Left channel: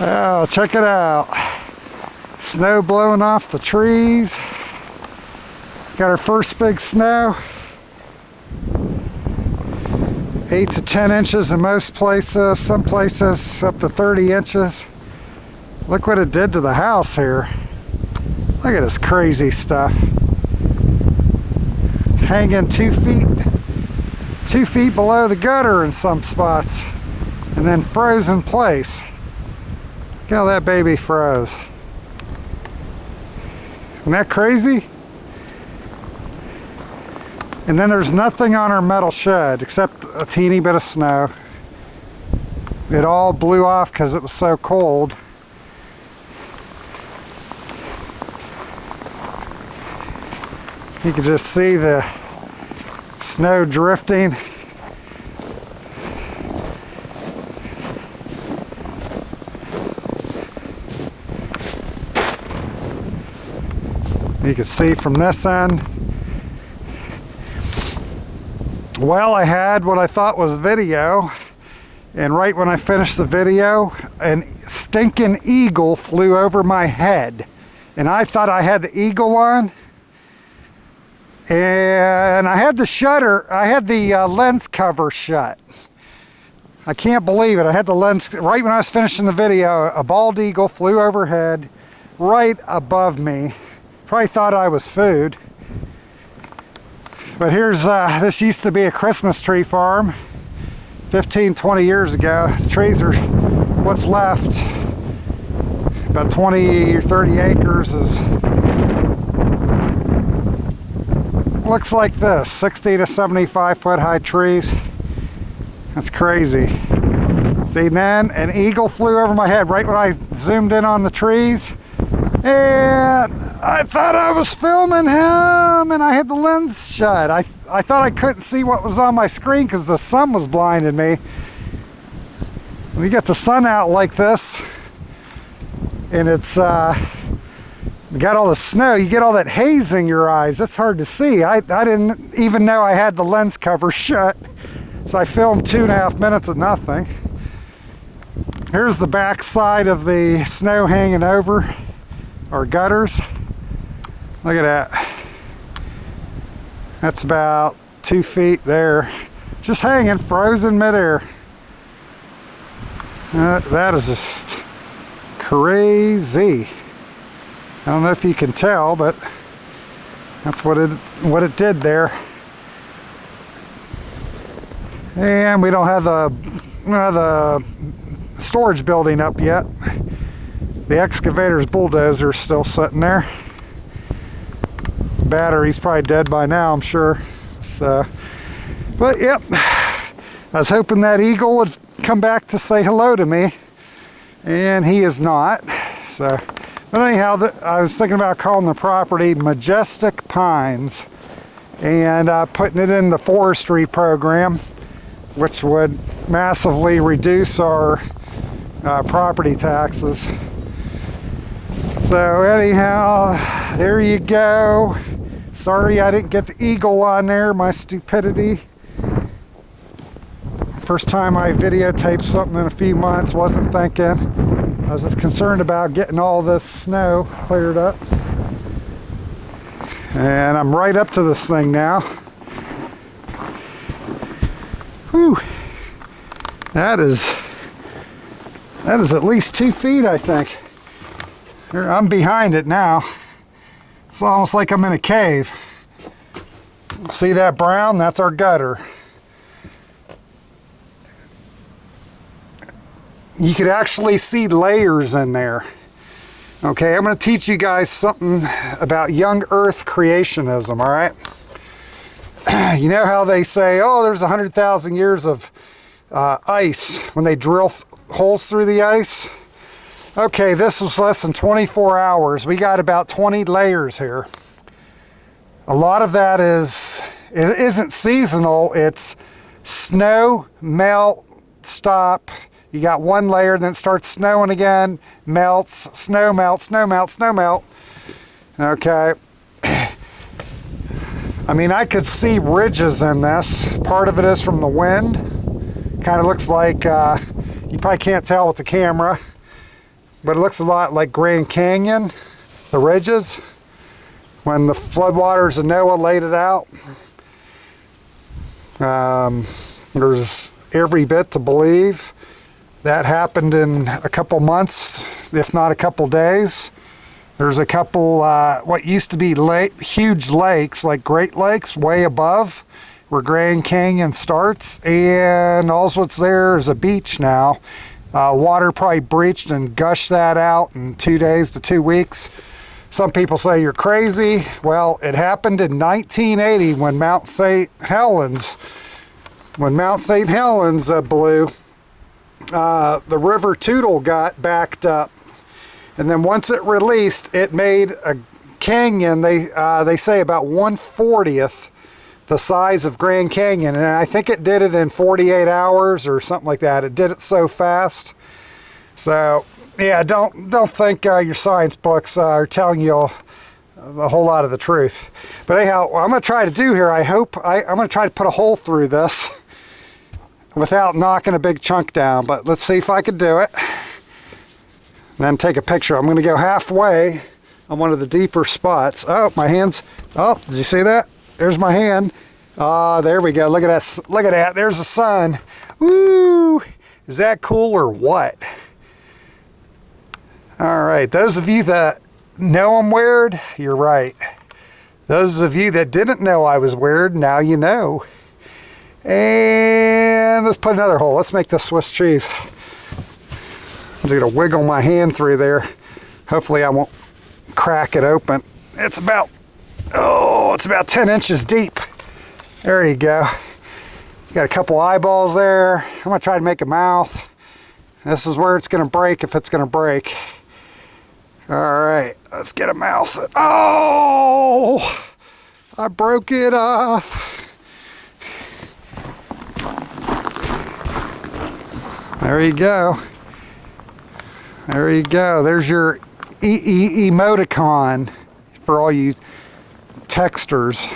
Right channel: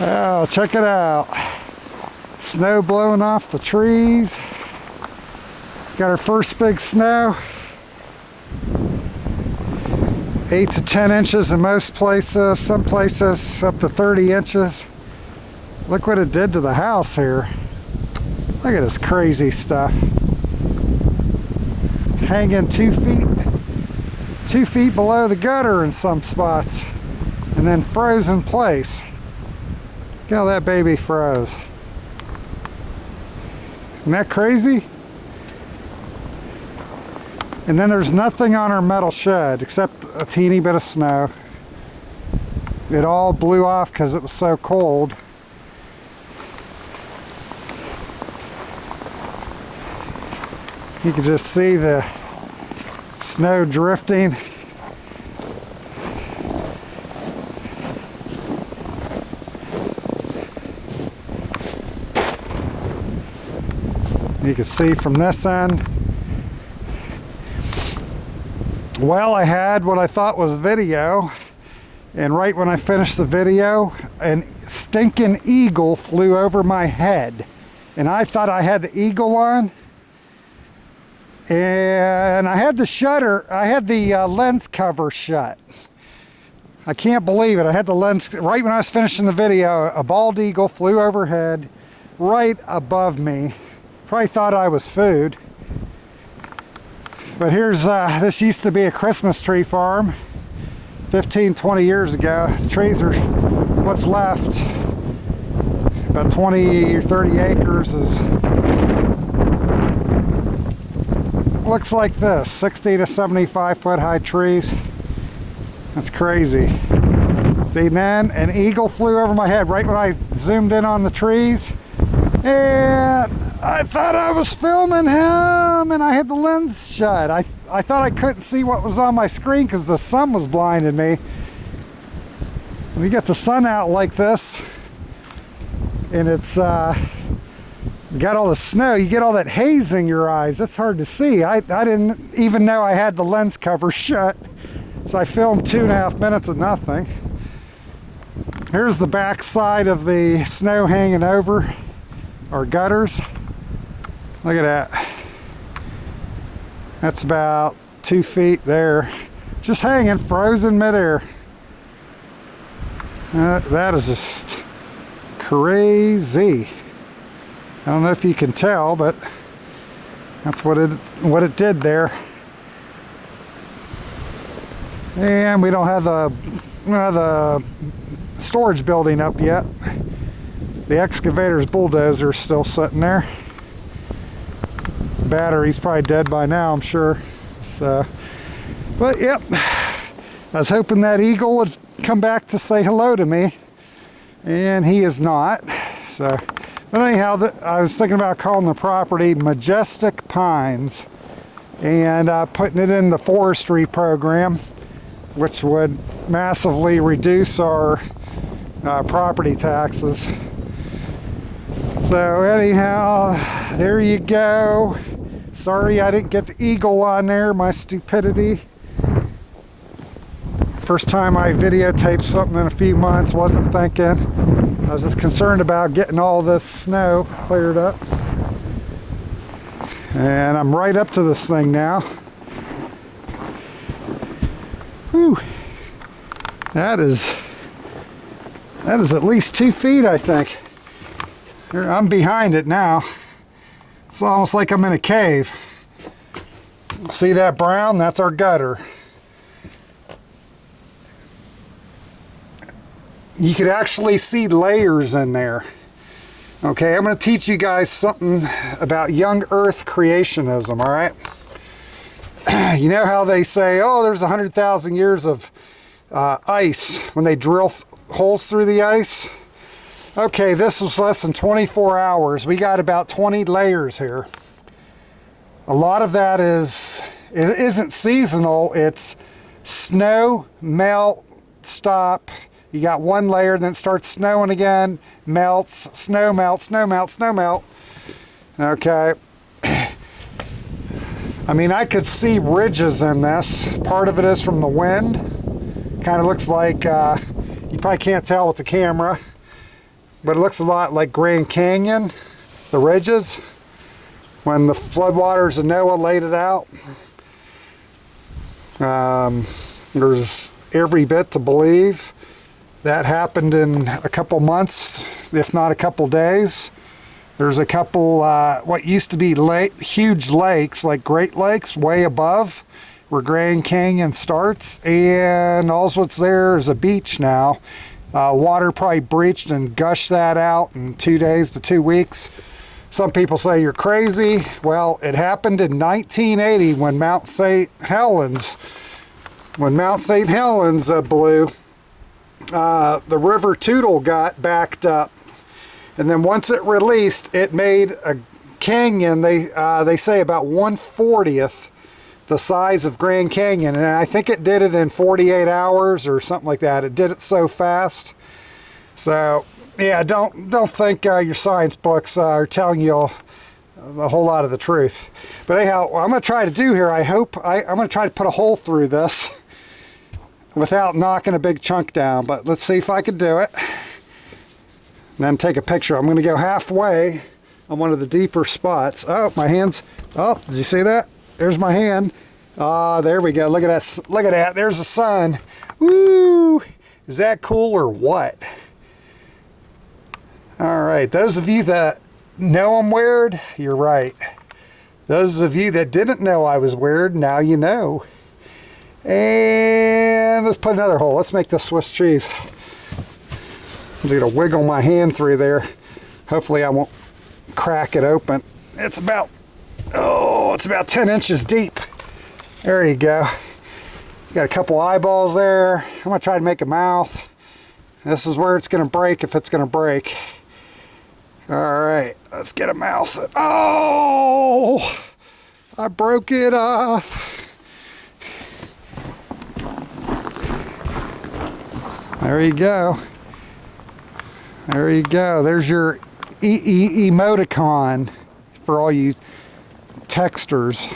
Oh, check it out. Snow blowing off the trees. Got our first big snow. 8 to 10 inches in most places, some places up to 30 inches. Look what it did to the house here. Look at this crazy stuff. It's hanging 2 feet below the gutter in some spots, and then froze in place. Look how that baby froze. Isn't that crazy? And then there's nothing on our metal shed except a teeny bit of snow. It all blew off because it was so cold. You can just see the snow drifting. You can see from this end. Well, I had what I thought was video, and right when I finished the video, an stinking eagle flew over my head. And I thought I had the eagle on, and I had the lens cover shut. I can't believe it. I had the lens, right when I was finishing the video, a bald eagle flew overhead right above me. Probably thought I was food. But here's, this used to be a Christmas tree farm 15, 20 years ago. The trees are what's left. About 20 or 30 acres is, looks like this, 60 to 75 foot high trees. That's crazy. See, then an eagle flew over my head right when I zoomed in on the trees. And I thought I was filming him, and I had the lens shut. I thought I couldn't see what was on my screen because the sun was blinding me. When you get the sun out like this, and it's got all the snow, you get all that haze in your eyes. It's hard to see. I didn't even know I had the lens cover shut, so I filmed 2.5 minutes of nothing. Here's the back side of the snow hanging over our gutters. Look at that. That's about 2 feet there. Just hanging, frozen midair. That is just crazy. I don't know if you can tell, but that's what it did there. And we don't have the storage building up yet. The excavator's bulldozer is still sitting there. Battery's probably dead by now, I'm sure. So, but yep, I was hoping that eagle would come back to say hello to me, and he is not. So, but anyhow, I was thinking about calling the property Majestic Pines and putting it in the forestry program, which would massively reduce our property taxes. So anyhow, there you go. Sorry I didn't get the eagle on there, my stupidity. First time I videotaped something in a few months, wasn't thinking. I was just concerned about getting all this snow cleared up. And I'm right up to this thing now. Whew. That is at least 2 feet, I think. Here, I'm behind it now. It's almost like I'm in a cave. See that brown? That's our gutter. You could actually see layers in there. Okay, I'm going to teach you guys something about young Earth creationism, all right? You know how they say, oh, there's 100,000 years of ice when they drill holes through the ice? Okay, this was less than 24 hours. We got about 20 layers here. A lot of that isn't seasonal. It's snow, melt, stop. You got one layer, then it starts snowing again, melts, snow melt, snow melt, snow melt. Okay. I mean, I could see ridges in this. Part of it is from the wind. Kind of looks like, you probably can't tell with the camera. but it looks a lot like Grand Canyon, the ridges, when the floodwaters of Noah laid it out. There's every bit to believe that happened in a couple months, if not a couple days. There's a couple what used to be huge lakes, like Great Lakes, way above where Grand Canyon starts, and all what's there is a beach now. Water probably breached and gushed that out in 2 days to 2 weeks. Some people say you're crazy. Well, it happened in 1980 when Mount St. Helens blew. The River Toutle got backed up, and then once it released, it made a canyon. They say about 1/40th the size of Grand Canyon, and I think it did it in 48 hours or something like that. It did it so fast. So yeah, don't think your science books are telling you a whole lot of the truth. But anyhow, what I'm going to try to do here, I'm going to try to put a hole through this without knocking a big chunk down, but let's see if I can do it. And then take a picture. I'm going to go halfway on one of the deeper spots. Oh, my hands. Oh, did you see that? There's my hand. There we go. Look at that. Look at that. There's the sun. Woo! Is that cool or what? All right. Those of you that know I'm weird, you're right. Those of you that didn't know I was weird, now you know. And let's put another hole. Let's make this Swiss cheese. I'm just gonna wiggle my hand through there. Hopefully I won't crack it open. It's about 10 inches deep. There you go. Got a couple eyeballs there. I'm gonna try to make a mouth. This is where it's gonna break if it's gonna break. All right, let's get a mouth. Oh, I broke it off. There you go. There you go. There's your emoticon for all you texters.